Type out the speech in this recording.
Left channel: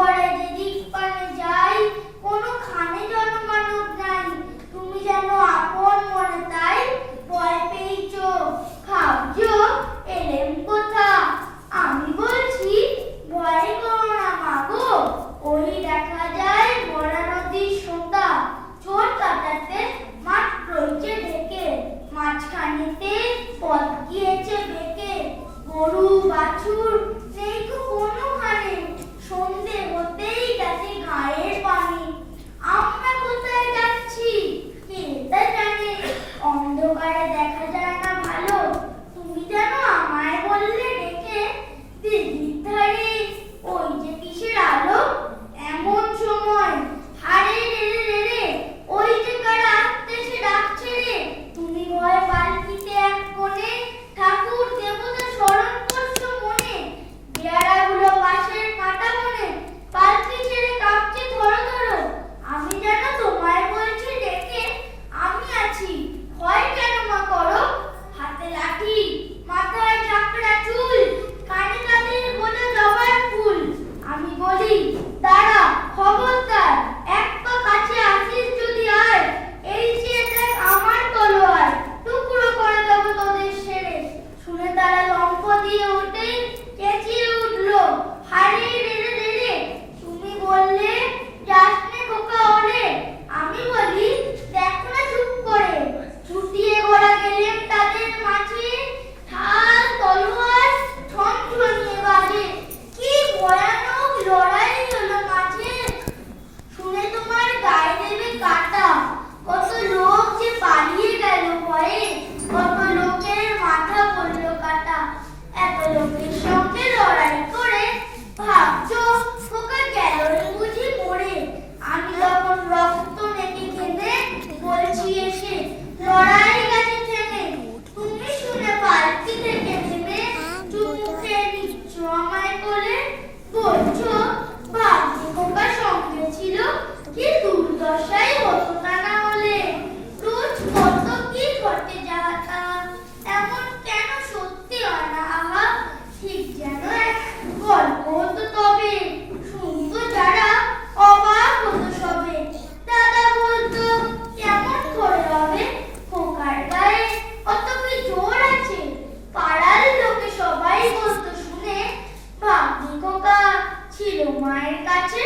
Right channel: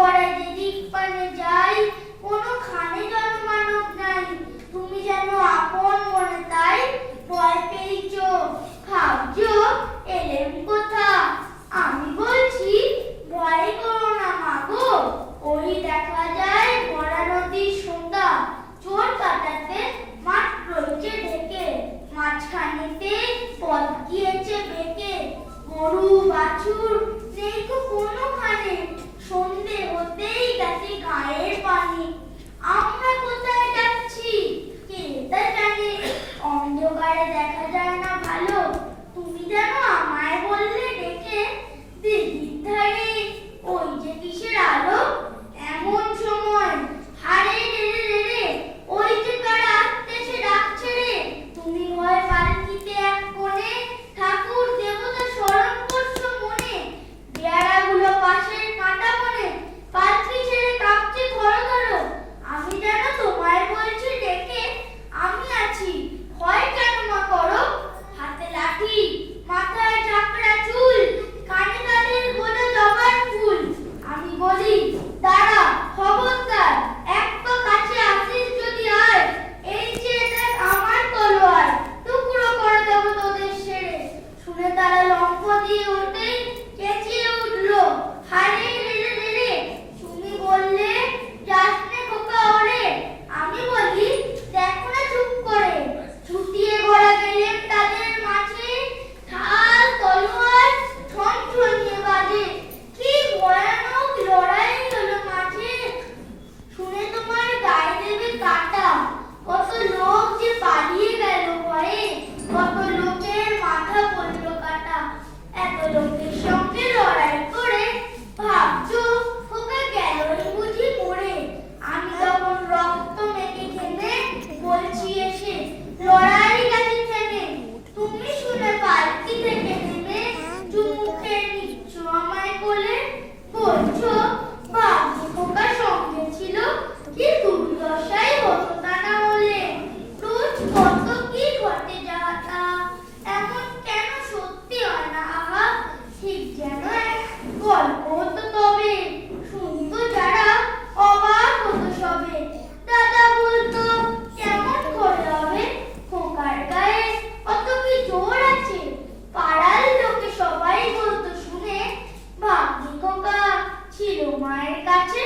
গড়ায় যেদিক পানে যাই, কোনোখানে জনমানব নাই। তুমি যেন আপন মনে তাই ভয় পেয়েছ, ভাবছো এলেম কোথা। আমি বলছি ভয় করো না মাগো, ওই দেখা যায় বড়া নদীর সোতা। চোর কাটাতে মাঠ রয়েছে ঢেকে, মাঝখানেতে পথ গিয়েছে বেঁকে। গরু বাছুর নেই তো কোনোখানে, সন্ধে হতেই গেছে গায়ের পানি। আমরা কোথায় যাচ্ছি কে তা জানে, অন্ধকারে দেখা যায় না ভালো। তুমি যেন আমায় বললে ডেকে, দিদির ধারে ওই যে কিসের আলো। এমন সময় হারে রে রে রে, ওই যে কারা আসতে সে ডাকছে রে। তুমি ভয় পালকিতে এক কোণে, ঠাকুর দেবতা স্মরণ করছো মনে। পেয়ারাগুলো পাশের কাঁটা মনে, পালকি ছেড়ে কাঁপছে ধরো ধরো। আমি যেন তোমায় বলছি ডেকে, আমি আছি ভয় কেন মা করো। হাতে লাঠি, মাথায় ঝাঁকড়া চুল, কানে তাদের গোটা জবার ফুল। আমি বলি দাঁড়া খবরদার, এক পা কাছে আসিস যদি আয়। এই যে দেখ আমার তলোয়ার, টুকরো করে দেব তোদের সেরে। শুনে তারা লম্ফ দিয়ে উঠেই চেঁচিয়ে উঠলো, হারে রে রে রে রে। তুমি বললে যাস নে খোকা ওরে। আমি বলি দেখো না চুপ করে। ছুটিয়ে ঘোড়া গেলেন তাদের মাঝে, ঢাল তলোয়ার ঠনঠনিয়ে বাজে। কি ভয়ানক লড়াই হলো মাঝে, শুনে তোমার গায়ে দেবে কাটা। কত লোক যে পালিয়ে গেল ভয়ে, কত লোকের মাথা পড়ল কাটা। এত লোকের সঙ্গে লড়াই করে ভাবছো খোকা গেল রে বুঝি মরে। আমি তখন রক্ত মেখে ঘেমে বলছি এসে, লড়াই গেছে থেমে। তুমি শুনে পালকি থেকে নেমে চুমুকে নিচ্ছ আমায় কোলে, বলছো ভাগ্যে খোকা সঙ্গে ছিল, কি দুর্দশাই হতো তা না হলে। রোজ কত কি ঘটে যাহা, এমন কেন সত্যি হয় না আহা। ঠিক যেন এক গল্প হতো তবে, শুনতো যারা অবাক হতো সবে। দাদা বলতো কেমন করে হবে, খোকার গায়ে অত কি জোর আছে। পাড়ার লোকে সবাই বলতো শুনে, ভাগ্যে খোকা ছিল মায়ের কাছে।